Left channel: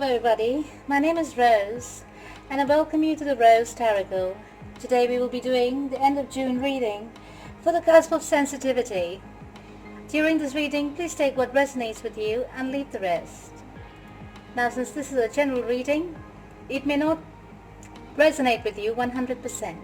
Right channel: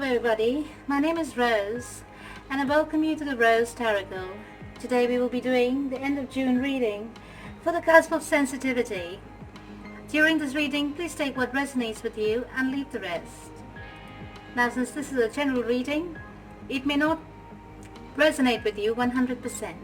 Everybody, my name is Rose and I welcome you to the Rose Tarocle. Today we will be doing the end of June reading for the cusp of sensitivity. During this reading, please take what resonates with you and leave the rest. Now, since this is a general reading, it may not resonate with you 100%.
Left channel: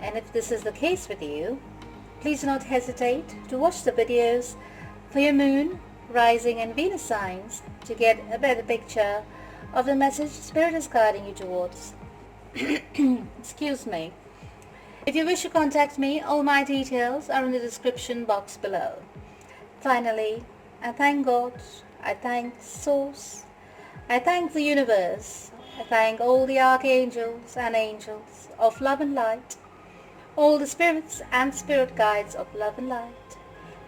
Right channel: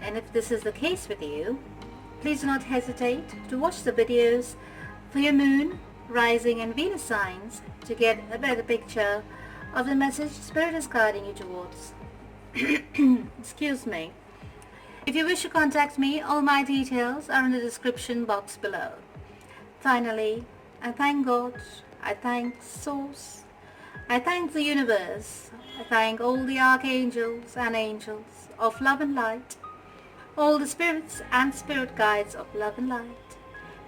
And if this is the case with you, please do not hesitate to watch the videos for your moon, rising and Venus signs to get a better picture of the message Spirit is guiding you towards. Excuse me. If you wish to contact me, all my details are in the description box below. Finally, I thank God, I thank Source, I thank the universe, I thank all the archangels and angels of love and light, all the spirits and spirit guides of love and light,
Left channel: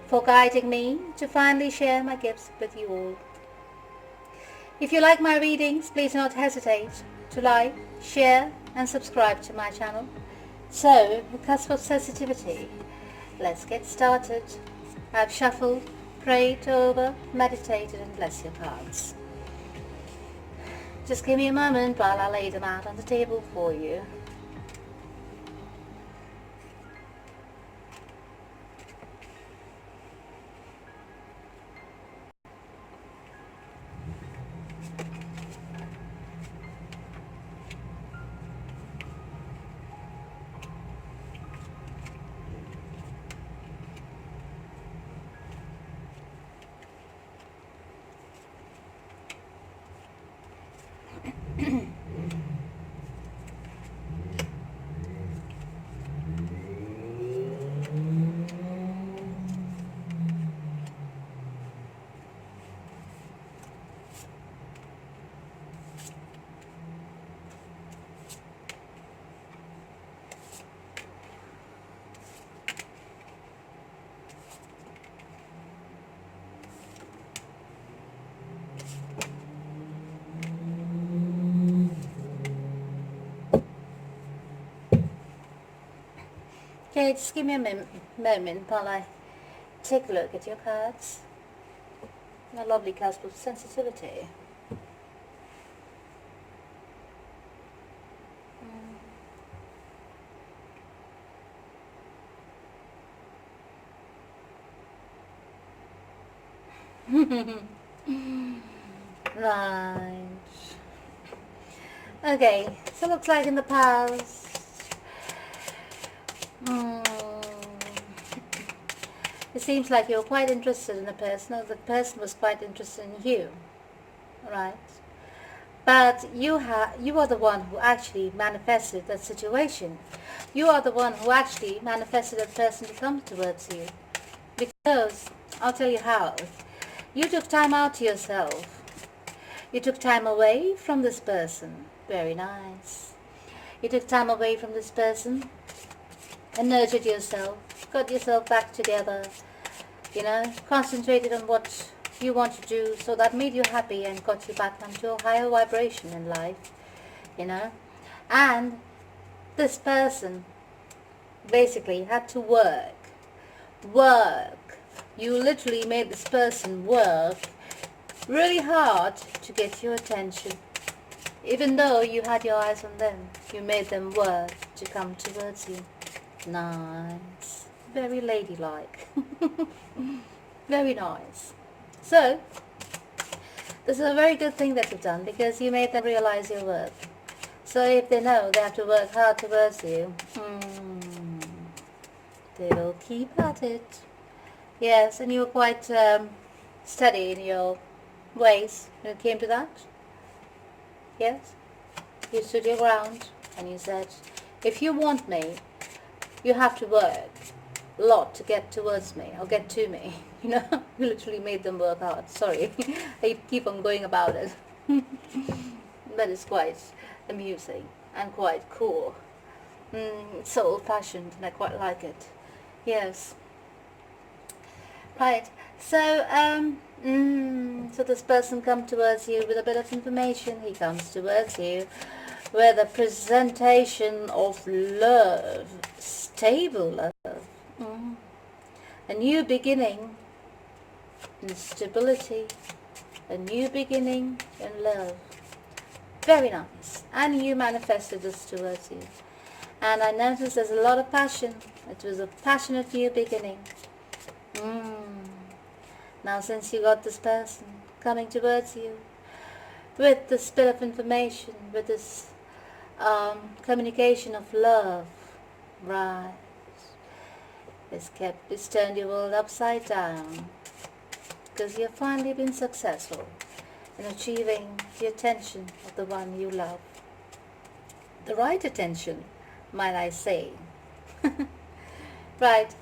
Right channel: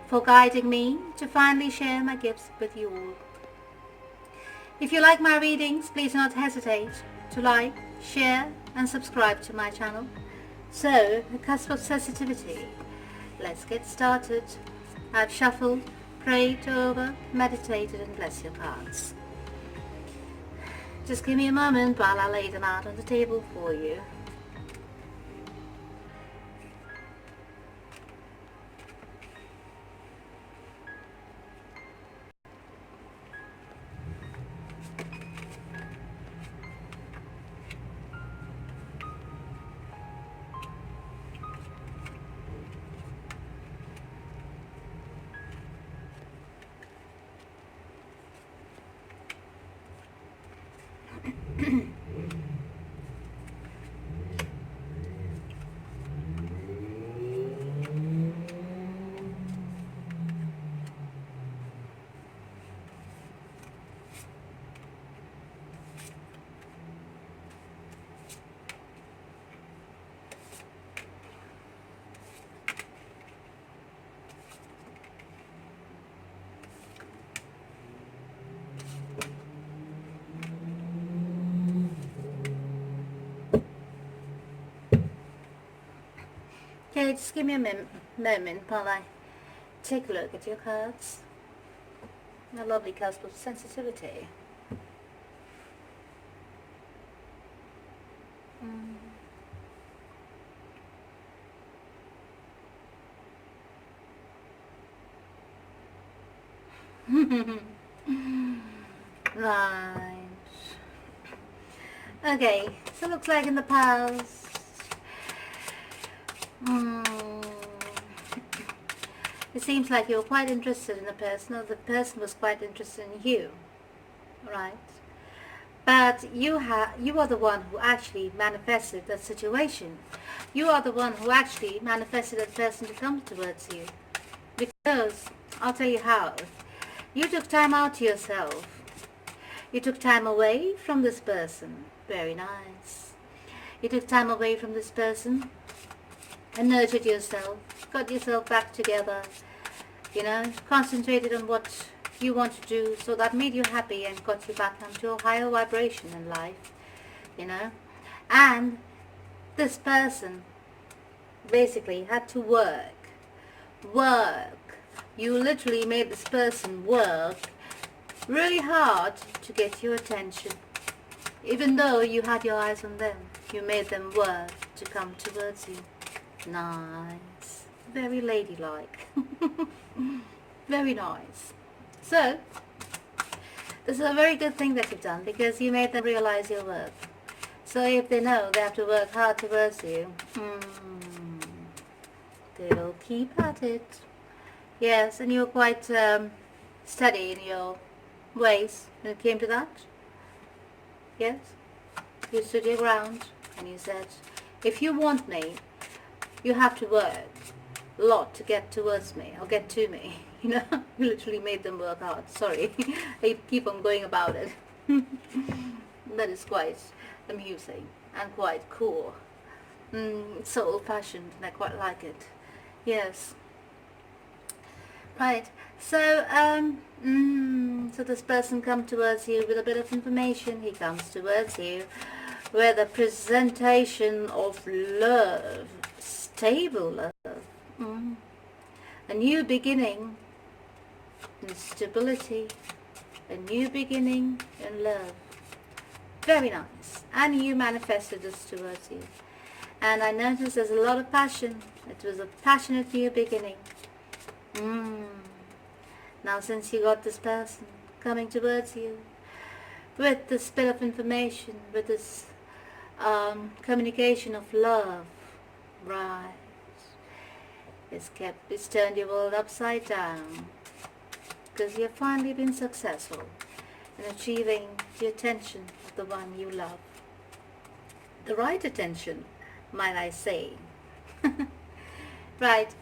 for guiding me to finally share my gifts with you all. If you like my readings, please do not hesitate to like, share and subscribe to my channel. So, the cusp of sensitivity. Let's get started. I've shuffled, prayed over, meditated and blessed your cards. Just give me a moment while I lay them out on the table for you. Okay, just give me a moment while I take a look at your cards. A lovely cusp of sensitivity. Right. Okay, so it looks like in the past, it seems like you're quite interested in a person, or the person was quite interested in you, right? But you are the one who actually manifested that situation. You are the one who actually manifested that person to come towards you. Because, I'll tell you how, you took time out to yourself. You took time away from this person. Very nice. You took time away from this person and nurtured yourself, got yourself back together, concentrated on what you want to do, so that made you happy and got you back onto a higher vibration in life, and this person basically had to work. You literally made this person work really hard to get your attention. Even though you had your eyes on them, you made them work to come towards you. Nice. Very ladylike. Very nice. So, this is a very good thing that you've done, because you made them realize your worth. So if they know they have to work hard towards you, they'll keep at it. Yes, and you're quite steady in your ways when it came to that. Yes? You stood your ground and you said, if you want me, you have to work a lot to get towards me, or get to me. You literally made them work hard. Sorry, I keep on going about it. That is quite amusing and quite cool. It's so old-fashioned and I quite like it. Yes. Right, So, so this person comes towards you with a bit of information. He comes towards you with a presentation of love, stable love, a new beginning in stability, a new beginning in love. Very nice. And you manifested this towards you. And I noticed there's a lot of passion. It was a passionate new beginning. Now since you got this person coming towards you with this bit of information, with this communication of love, right, it's turned your world upside down, because you've finally been successful in achieving the attention of the one you love. The right attention, might I say. Right,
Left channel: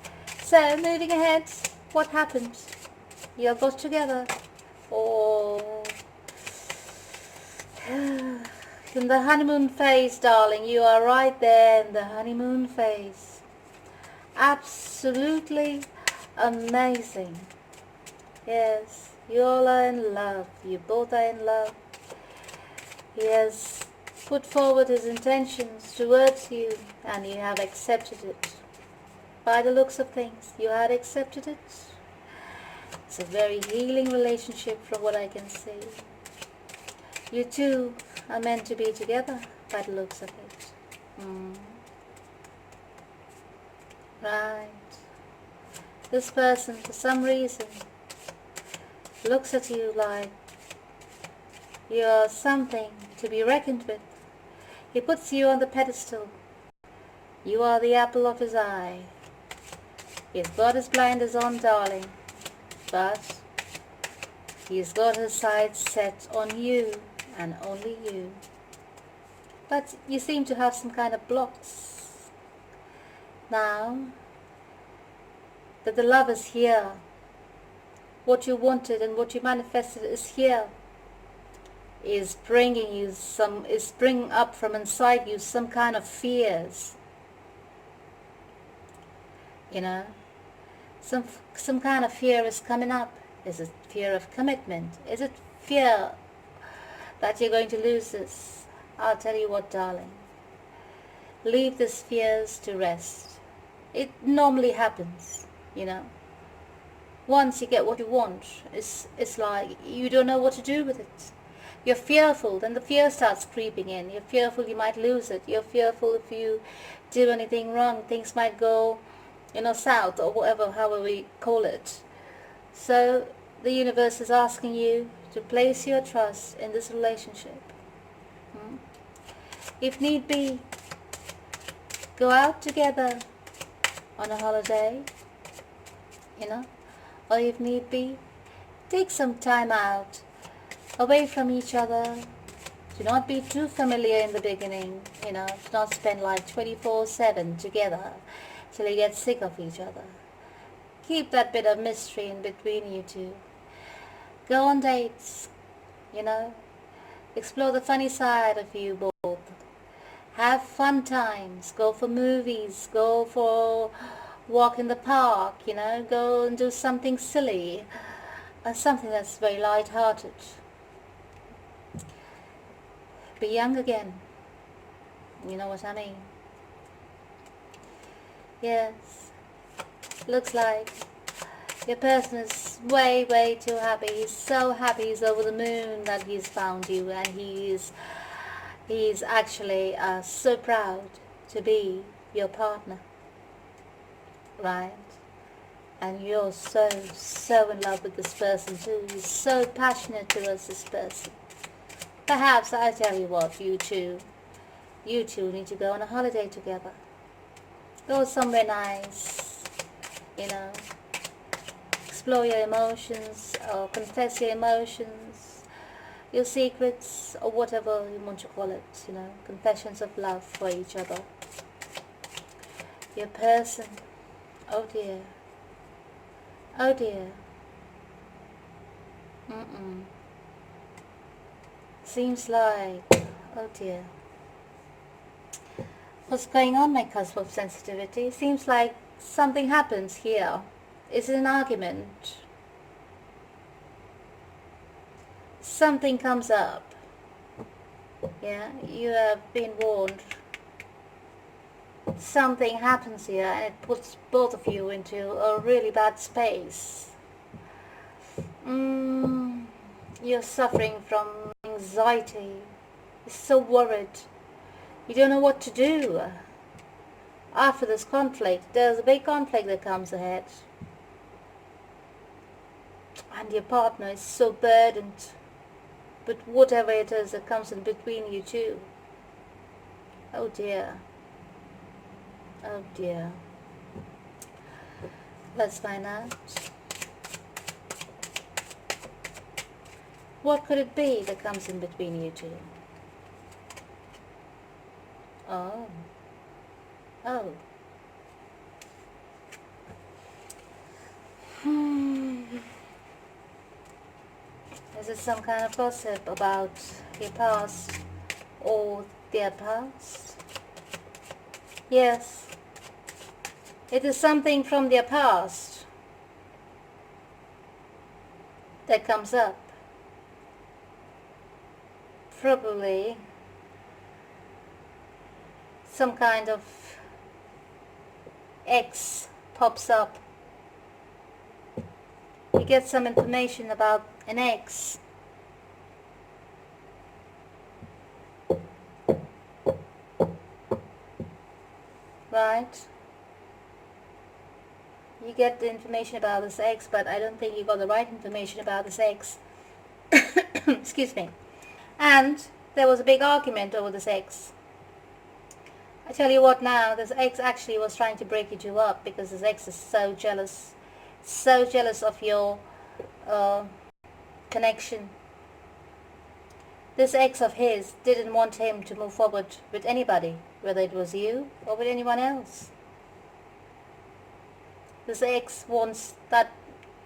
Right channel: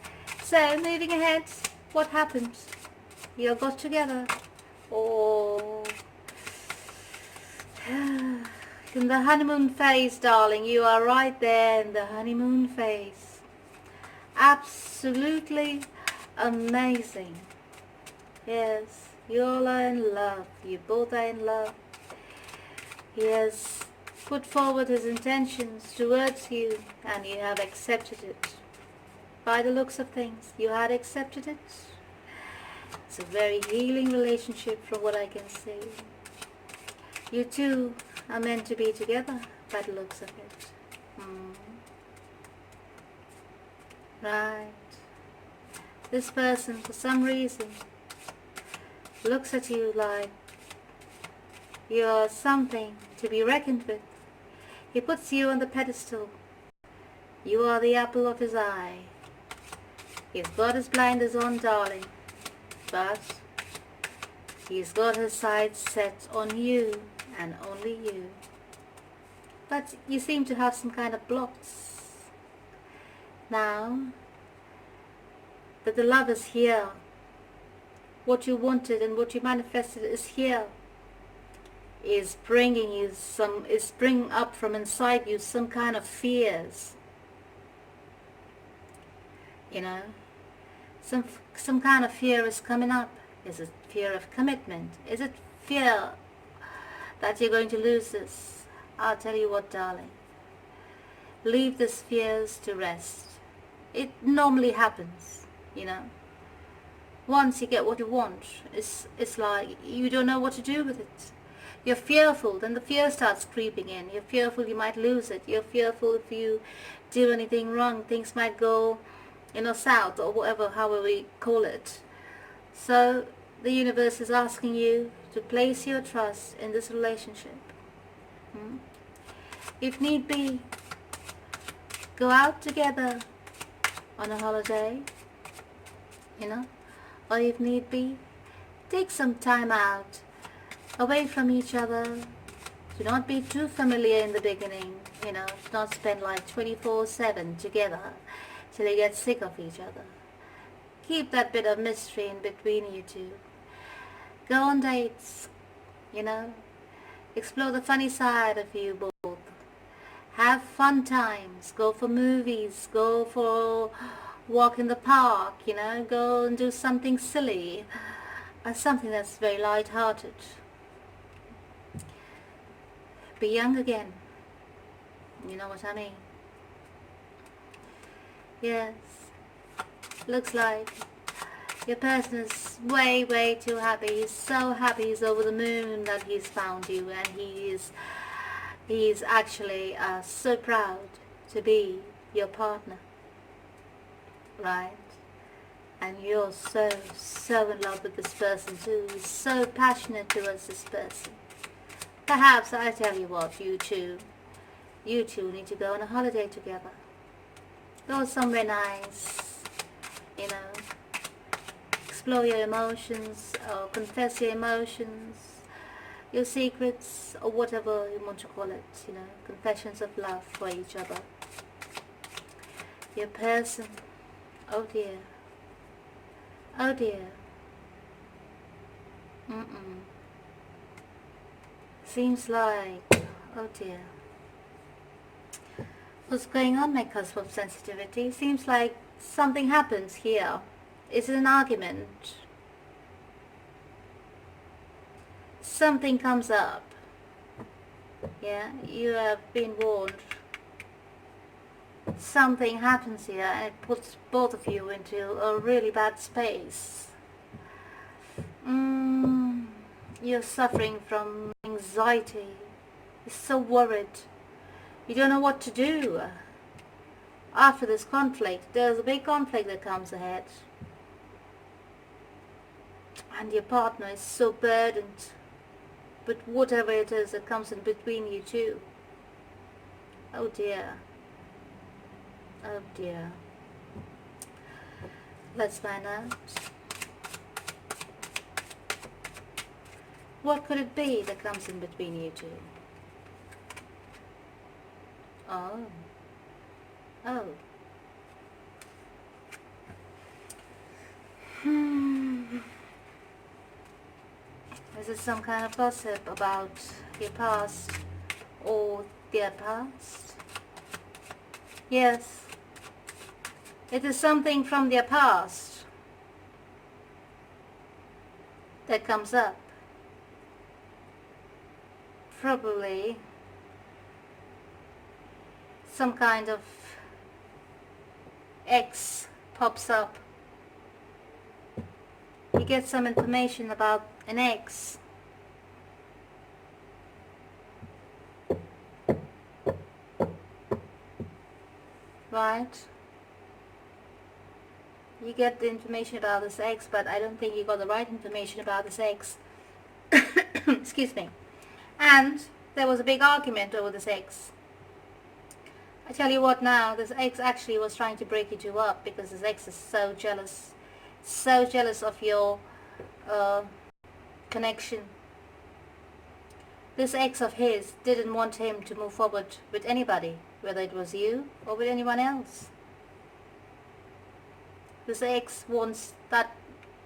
so moving ahead, what happened? You got together, or in the honeymoon phase, darling. You are right there in the honeymoon phase. Absolutely amazing. Yes, you all are in love. You both are in love. He has put forward his intentions towards you, and you have accepted it. By the looks of things, you had accepted it. It's a very healing relationship from what I can see. You two are meant to be together by the looks of it. Right. This person, for some reason, looks at you like you're something to be reckoned with. He puts you on the pedestal. You are the apple of his eye. He's got his blinders on, darling, but he's got his sights set on you and only you. But you seem to have some kind of blocks. Now that the love is here, what you wanted and what you manifested is here, is bringing up from inside you some kind of fears. You know, some kind of fear is coming up. Is it fear of commitment? Is it fear that you're going to lose this? I'll tell you what, darling. Leave these fears to rest. It normally happens, you know. Once you get what you want, it's like you don't know what to do with it. You're fearful, then the fear starts creeping in. You're fearful you might lose it. You're fearful if you do anything wrong, things might go, south, or whatever, however we call it. So the universe is asking you to place your trust in this relationship. If need be, go out together on a holiday, or if need be, take some time out, away from each other. Do not be too familiar in the beginning, do not spend like 24/7 together till you get sick of each other. Keep that bit of mystery in between you two. Go on dates, explore the funny side of you both. Have fun times, go for movies, go for walk in the park, go and do something silly, something that's very light-hearted. Be young again, you know what I mean? Yes, looks like your person is way, way too happy. He's so happy, he's over the moon that he's found you, and he's actually so proud to be your partner, right? And you're so in love with this person too. He's so passionate towards this person. Perhaps, I tell you what, you two need to go on a holiday together. Go somewhere nice, explore your emotions, or confess your emotions, your secrets, or whatever you want to call it, confessions of love for each other. Your person, oh dear, seems like, oh dear, what's going on, my cusp of sensitivity? Seems like something happens here. Is it an argument? something comes up. Yeah, you have been warned. Something happens here and it puts both of you into a really bad space. You're suffering from anxiety. You're so worried. You don't know what to do. After this conflict, there's a big conflict that comes ahead. And your partner is so burdened with whatever it is that comes in between you two. Oh dear. Oh dear. Let's find out. What could it be that comes in between you two? Oh. Oh. Is it some kind of gossip about your past or their past? Yes. It is something from their past that comes up. Probably some kind of X pops up. You get some information about an ex. Right? You get the information about this ex, but I don't think you got the right information about this ex. Excuse me. And there was a big argument over this ex. I tell you what now, this ex actually was trying to break you two up because this ex is so jealous of your connection. This ex of his didn't want him to move forward with anybody, whether it was you or with anyone else. This ex wants that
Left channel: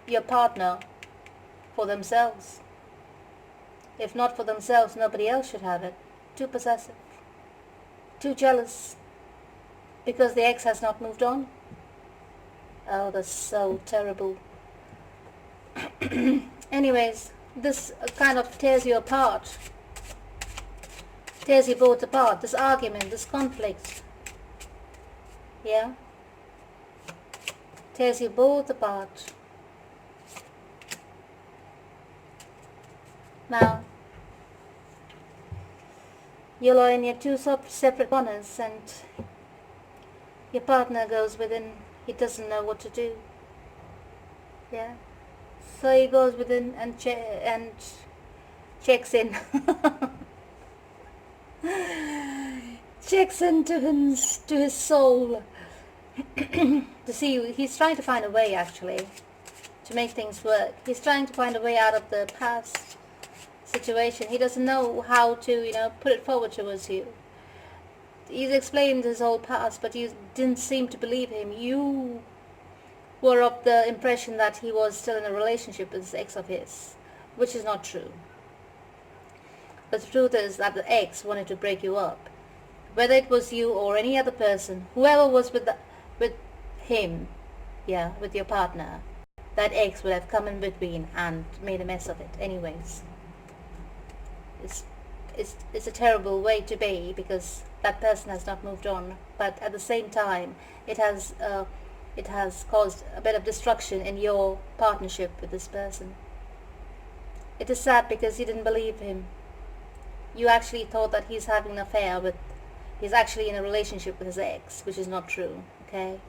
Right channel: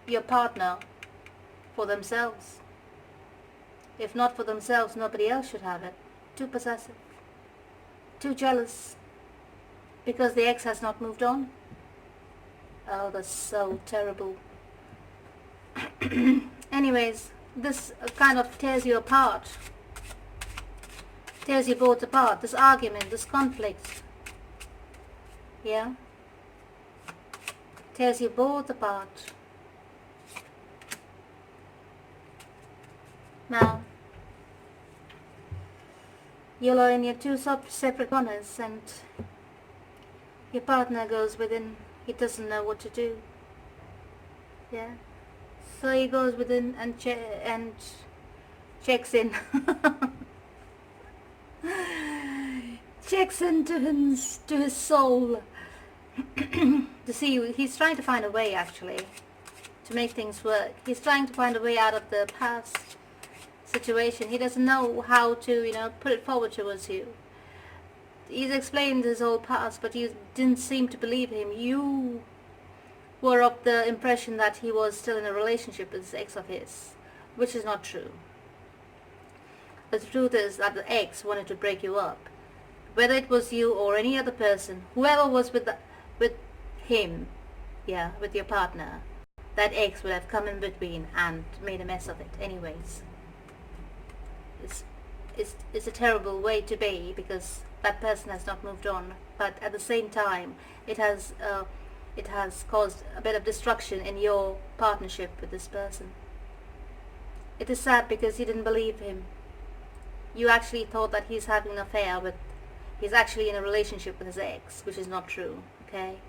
your partner for themselves. If not for themselves, nobody else should have it. Too possessive. Too jealous. Because the ex has not moved on. Oh, that's so terrible. Anyways, this kind of tears you apart. Tears you both apart. This argument, this conflict. Yeah? Tears you both apart. Now, you're in your two separate corners and your partner goes within. He doesn't know what to do. Yeah? So he goes within and checks in. Checks into his soul. To see, he's trying to find a way actually to make things work. He's trying to find a way out of the past situation. He doesn't know how to, put it forward towards you. He's explained his whole past, but you didn't seem to believe him. You were of the impression that he was still in a relationship with this ex of his, which is not true. The truth is that the ex wanted to break you up. Whether it was you or any other person, whoever was with him, with your partner, that ex would have come in between and made a mess of it anyways. It's a terrible way to be because that person has not moved on, but at the same time it has caused a bit of destruction in your partnership with this person. It is sad because you didn't believe him. You actually thought that he's having an affair he's actually in a relationship with his ex, which is not true, okay?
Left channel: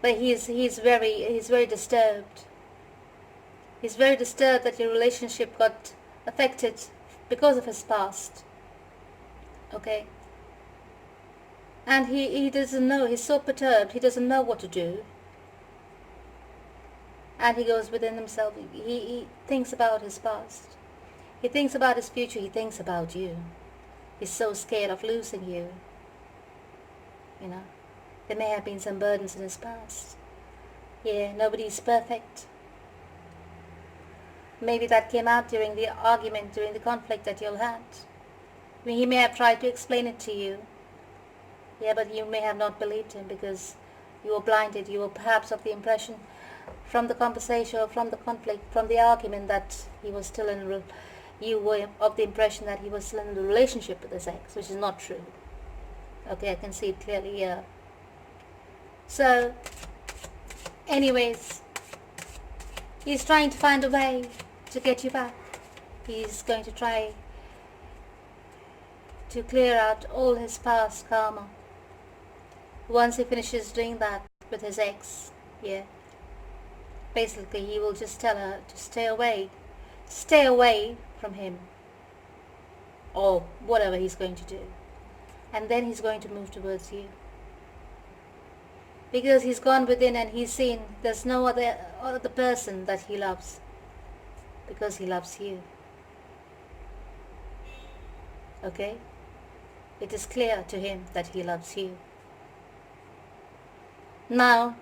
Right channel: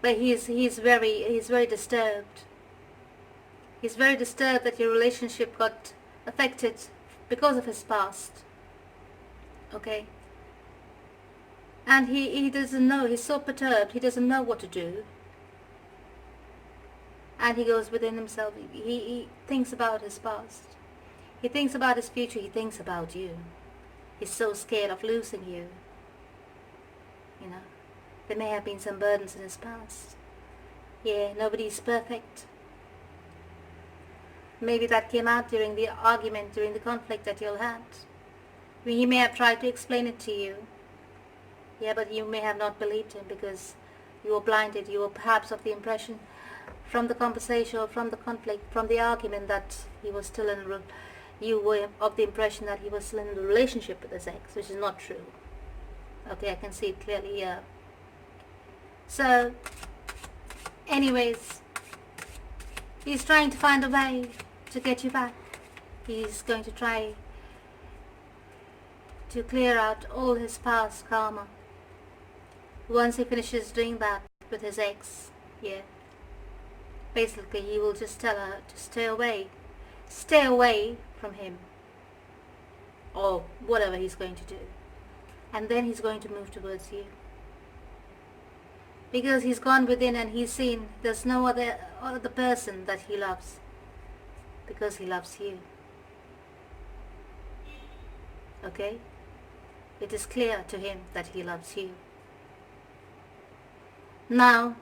But he's very disturbed. He's very disturbed that your relationship got affected because of his past, okay? And he doesn't know, he's so perturbed, he doesn't know what to do. And he goes within himself, he thinks about his past. He thinks about his future, he thinks about you. He's so scared of losing you. There may have been some burdens in his past. Yeah, nobody's perfect. Maybe that came out during the argument, during the conflict that you'll had. He may have tried to explain it to you. Yeah, but you may have not believed him because you were blinded. You were perhaps of the impression from the conversation or from the conflict, from the argument that he was still you were of the impression that he was still in the relationship with his ex, which is not true. Okay, I can see it clearly here. So, anyways, he's trying to find a way to get you back. He's going to try to clear out all his past karma. Once he finishes doing that with his ex, yeah, basically he will just tell her to stay away from him, or whatever he's going to do, and then he's going to move towards you, because he's gone within and he's seen there's no other person that he loves, because he loves you. Okay, it is clear to him that he loves you. Now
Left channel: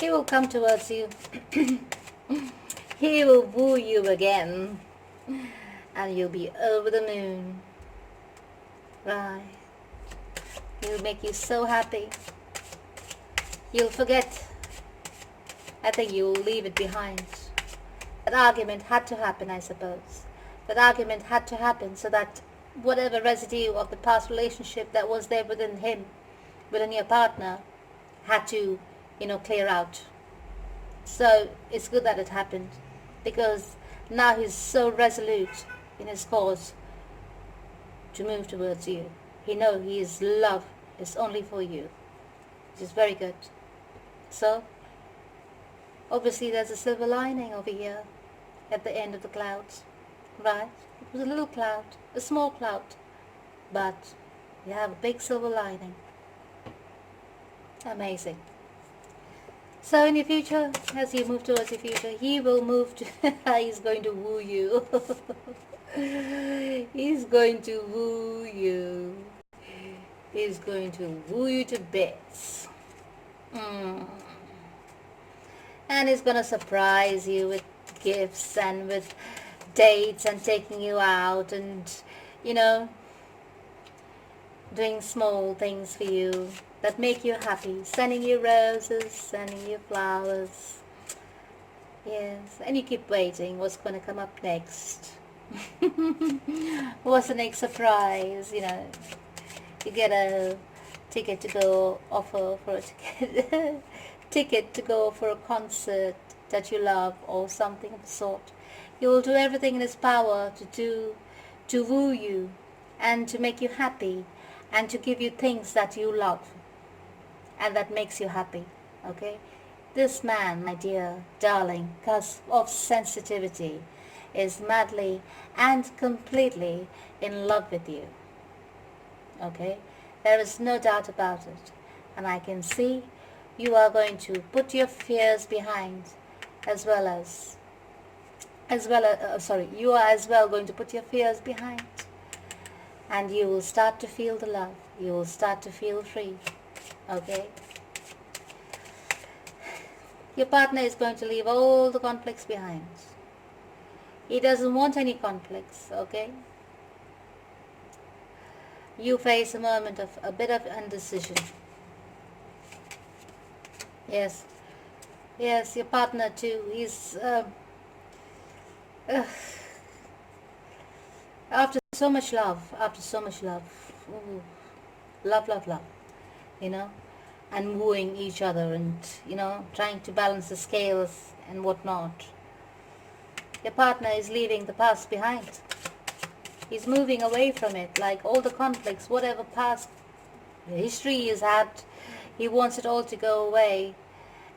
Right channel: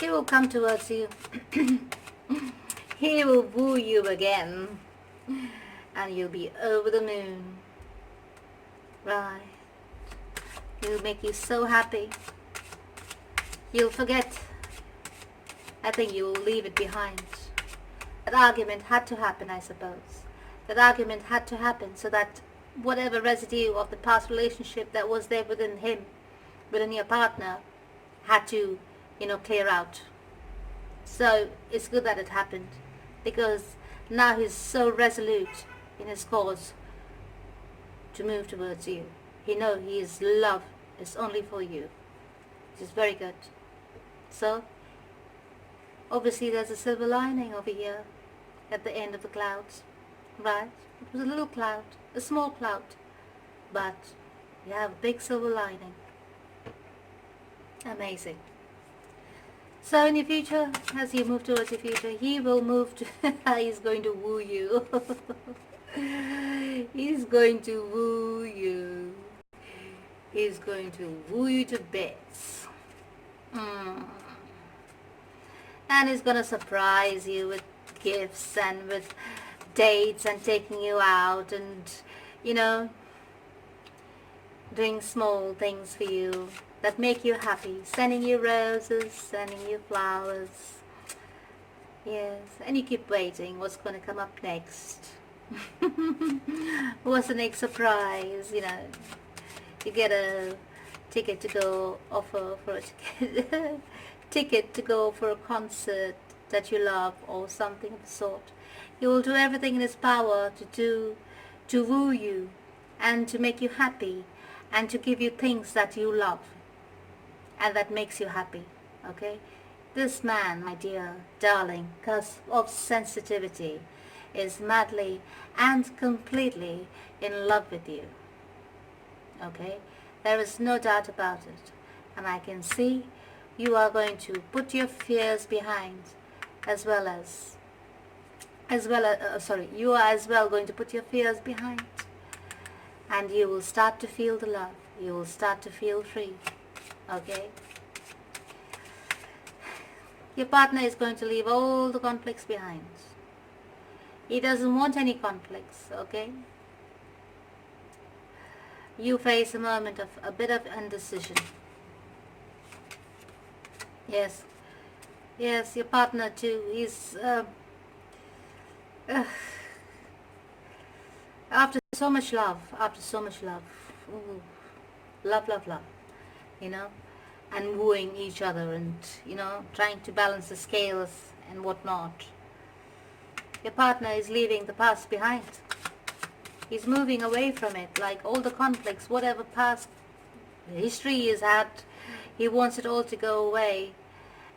he will come towards you. He will woo you again, and you'll be over the moon. Right. He'll make you so happy. You'll forget. I think you will leave it behind. That argument had to happen, I suppose. That argument had to happen so that whatever residue of the past relationship that was there within him, within your partner, had to, clear out. So it's good that it happened, because now he's so resolute in his cause to move towards you. He knows his love is only for you, which is very good. So obviously there's a silver lining over here at the end of the clouds, right? It was a little cloud, a small cloud, but you have a big silver lining. Amazing. So in the future, as you move towards the future, he will move to, he's going to woo you. He's going to woo you. He's going to woo you to bits. And he's going to surprise you with gifts and with dates and taking you out and, doing small things for you that make you happy, sending you roses, sending you flowers. Yes, and you keep waiting what's going to come up next. What's the next surprise? You get a ticket to go offer for a ticket to go for a concert that you love, or something of the sort. He will do everything in his power to woo you and to make you happy and to give you things that you love and that makes you happy. Okay, this man, my dear darling, because of sensitivity, is madly and completely in love with you. Okay, there is no doubt about it, and I can see you are going to put your fears behind, you are as well going to put your fears behind, and you will start to feel the love. You will start to feel free. Okay, your partner is going to leave all the conflicts behind. He doesn't want any conflicts. Okay, you face a moment of a bit of indecision. Yes, your partner too. He's after so much love, ooh, love, and wooing each other and, trying to balance the scales and whatnot. Your partner is leaving the past behind. He's moving away from it, like all the conflicts, whatever past history he's had, he wants it all to go away,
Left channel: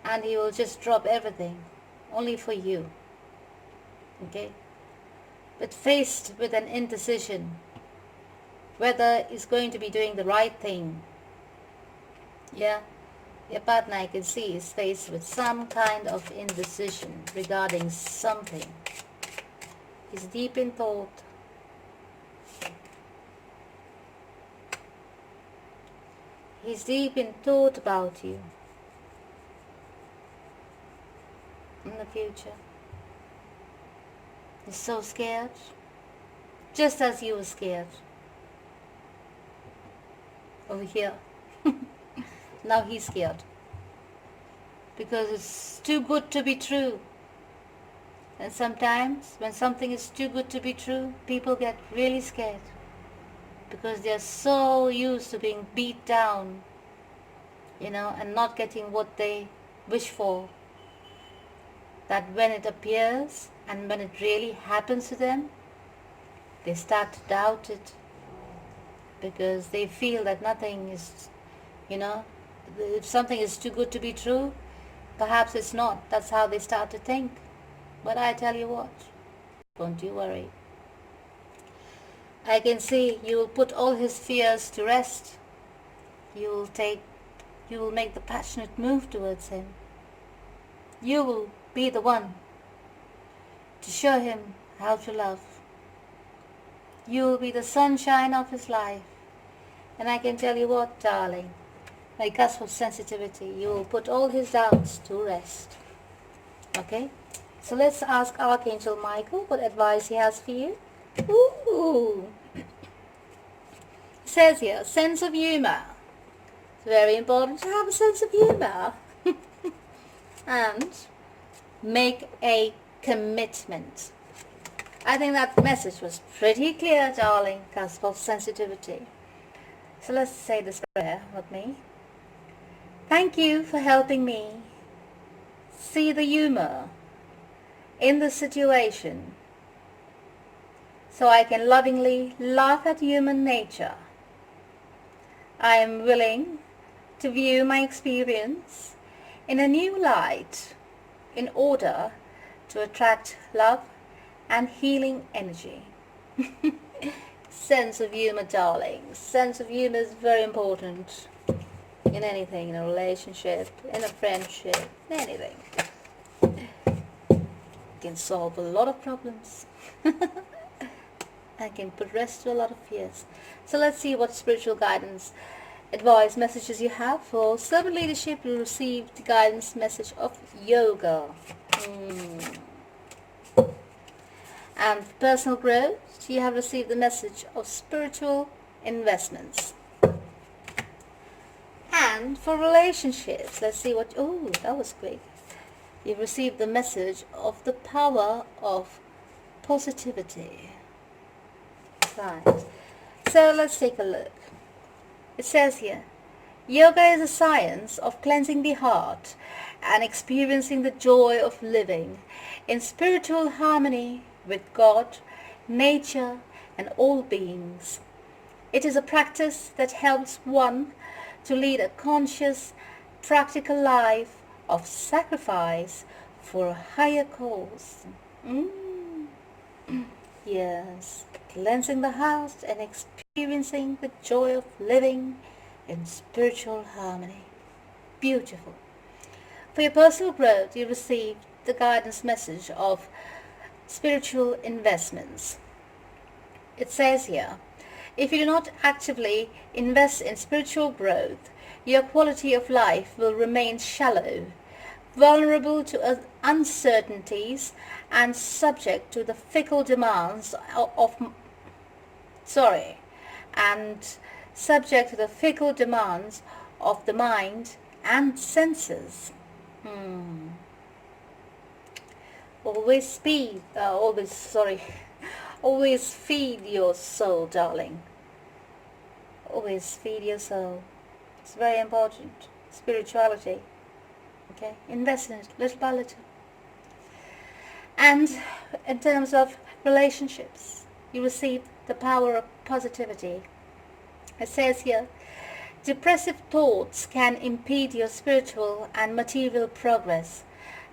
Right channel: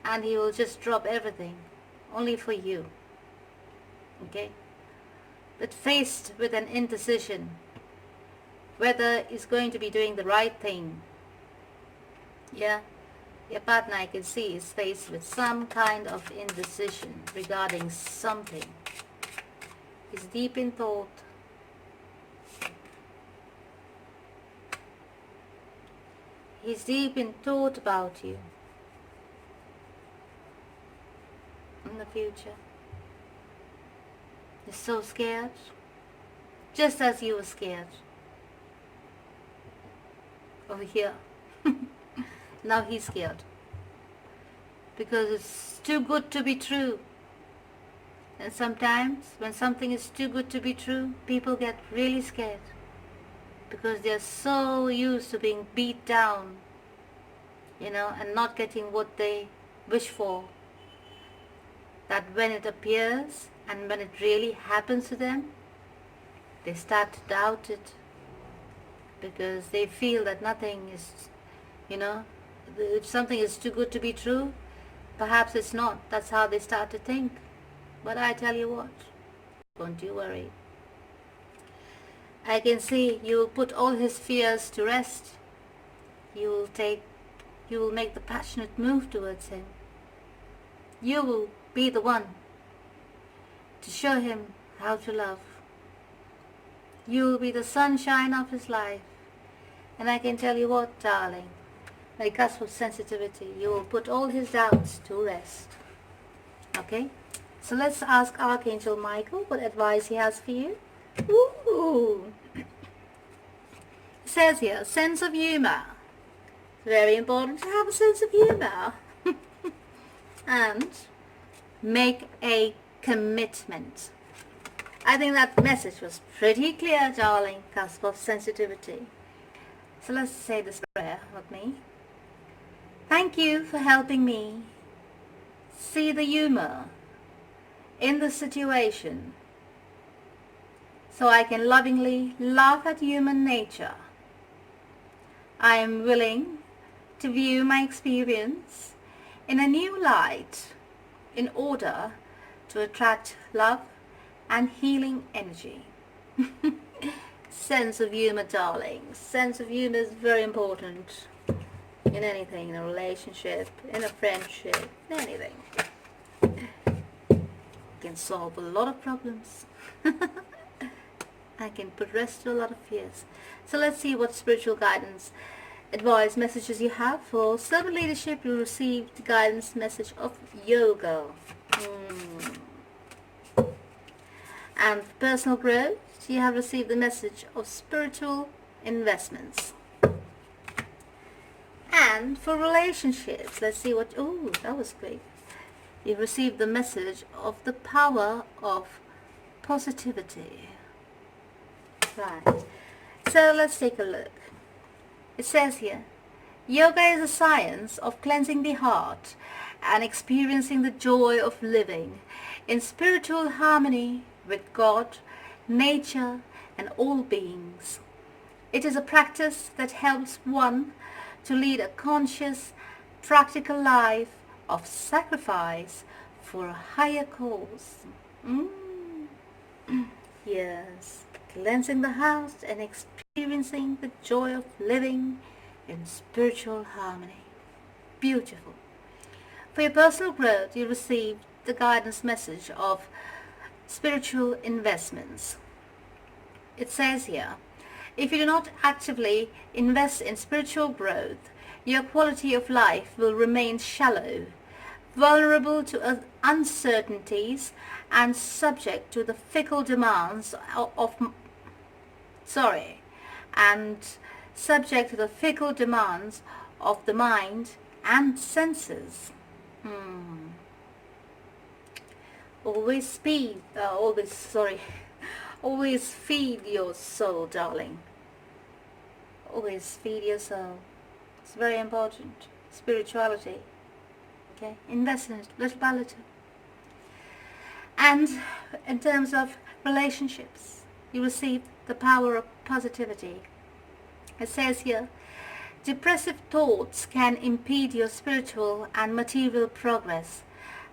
and he will just drop everything, only for you. Okay? But faced with an indecision, whether he's going to be doing the right thing, yeah, your partner, I can see, is faced with some kind of indecision regarding something. He's deep in thought. He's deep in thought about you in the future. He's so scared, just as you were scared over here. Now he's scared because it's too good to be true. And sometimes when something is too good to be true, people get really scared because they're so used to being beat down, and not getting what they wish for, that when it appears and when it really happens to them, they start to doubt it because they feel that nothing is, if something is too good to be true, perhaps it's not. That's how they start to think. But I tell you what, don't you worry. I can see you will put all his fears to rest. You will make the passionate move towards him. You will be the one to show him how to love. You will be the sunshine of his life. And I can tell you what, darling, my cusp of sensitivity, you will put all his doubts to rest. Okay? So let's ask Archangel Michael what advice he has for you. Ooh. It says here, sense of humor. It's very important to have a sense of humor. And make a commitment. I think that message was pretty clear, darling, cusp of sensitivity. So let's say this prayer with me. Thank you for helping me see the humor in the situation so I can lovingly laugh at human nature. I am willing to view my experience in a new light in order to attract love and healing energy. Sense of humor, darling. Sense of humor is very important in anything, in a relationship, in a friendship, anything. It can solve a lot of problems. I can put rest to a lot of fears. So let's see what spiritual guidance, advice, messages you have. For servant leadership, you receive the guidance message of yoga. And for personal growth, you have received the message of spiritual investments. And for relationships, let's see what, that was quick. You've received the message of the power of positivity. Right. So let's take a look. It says here, yoga is a science of cleansing the heart and experiencing the joy of living in spiritual harmony with God, nature, and all beings. It is a practice that helps one to lead a conscious, practical life of sacrifice for a higher cause. Yes, cleansing the heart and experiencing the joy of living in spiritual harmony. Beautiful. For your personal growth, you receive the guidance message of spiritual investments. It says here, if you do not actively invest in spiritual growth, your quality of life will remain shallow, vulnerable to uncertainties, and subject to the fickle demands of the mind and senses. Always feed your soul, darling. Always feed your soul. It's very important. Spirituality. Okay? Invest in it little by little. And in terms of relationships, you receive the power of positivity. It says here, depressive thoughts can impede your spiritual and material progress.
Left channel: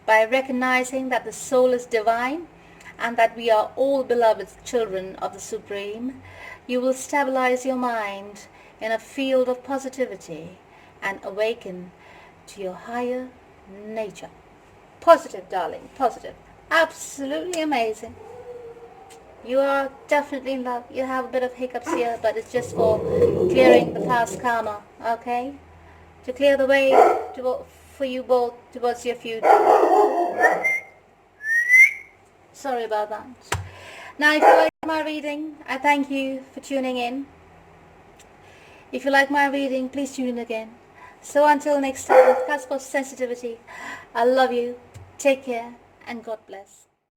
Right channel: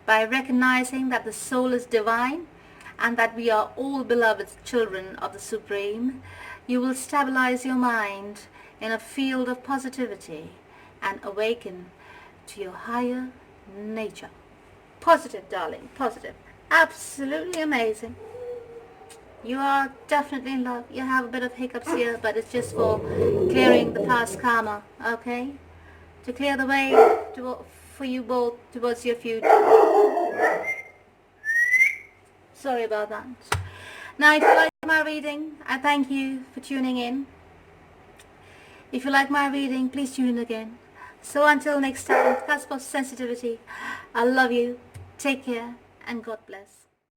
By recognizing that the soul is divine and that we are all beloved children of the Supreme, you will stabilize your mind in a field of positivity and awaken to your higher nature. Positive, darling, positive. Absolutely amazing. You are definitely in love. You have a bit of hiccups here, but it's just for clearing the past karma, okay? To clear the way for you both towards your future. Sorry about that. Now, if you like my reading, I thank you for tuning in. If you like my reading, please tune in again. So until next time, cusp of sensitivity, I love you. Take care and God bless.